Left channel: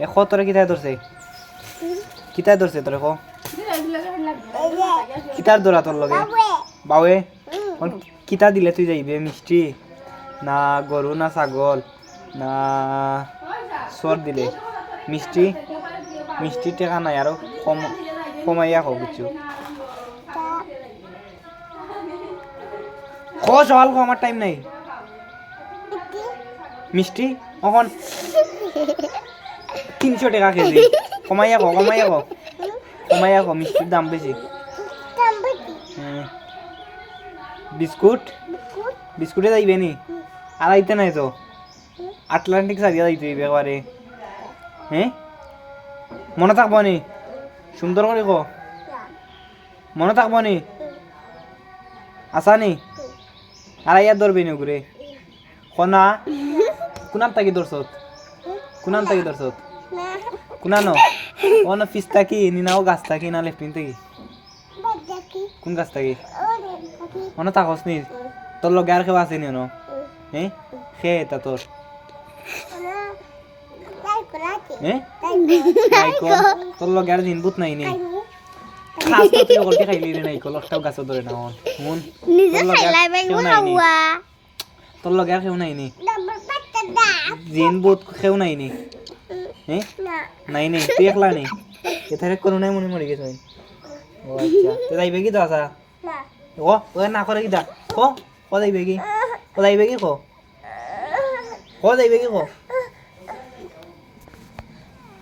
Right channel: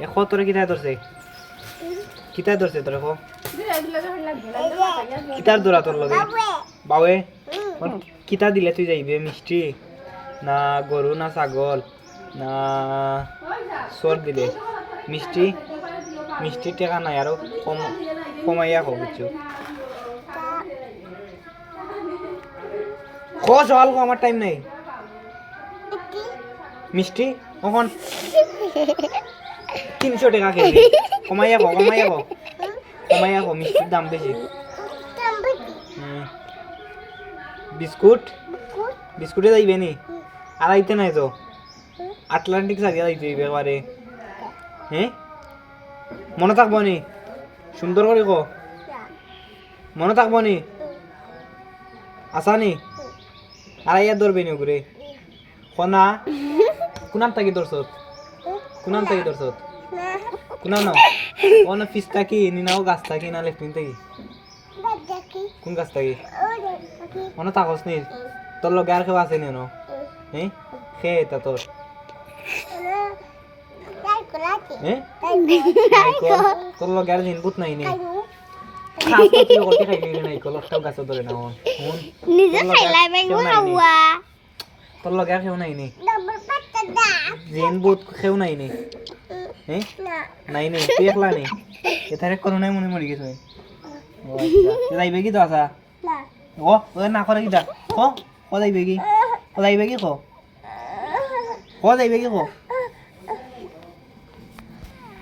এখন তোরে কিতায় ধরছে কিতায় ধরছে তোরে কো কিতার ধরা তোর লগে বাউে কিতা দিলে তুই যাইবে মিষ্টি না গরু না ছাগল না সর দিলে মিষ্টি মিষ্টি টেকা নাই আরো কম কমাইয়া হোক বুঝছো খোঁজ হল আমার টাইম নাই মিষ্টি এখন 300 টাকা কেজি কমাইয়া কো মিষ্টির দাম বেশি বিস্কুট বিস্কুটে যাইবে নি আর আইতে নাই তো আটলান্টিক সারিয়া যাইতে এবারে হ্যাঁ মনে থাকবো নি সুন্দর করে কো মনে থাকবো নি আসা নি আর ইয়ার ধরবে নি ঘুরে কনা কুনান থাকি ধরছত কুনানো ওনা পিস থাকি নিনাও গাছ থাকি না লেফটিন থাকি কোন গাছ থাকি মনে থাকস নি তোর লগে আর কেউ আছে নি ন হ্যাঁ খেয়ে তা তোর হ্যাঁ তোর লগে আর দিন বুত নাই নি তোর লগে আর কেউ নাই নি জিন বুত কেউ নাই নি নাই নি তুই একলা নি এথারে কোনো নাই মনে মরি গেছে যাইবে কি তো আসা ও ওই না করে কিটা ক যাইবে কি ক যাইবে কি ক যাইবে কি ক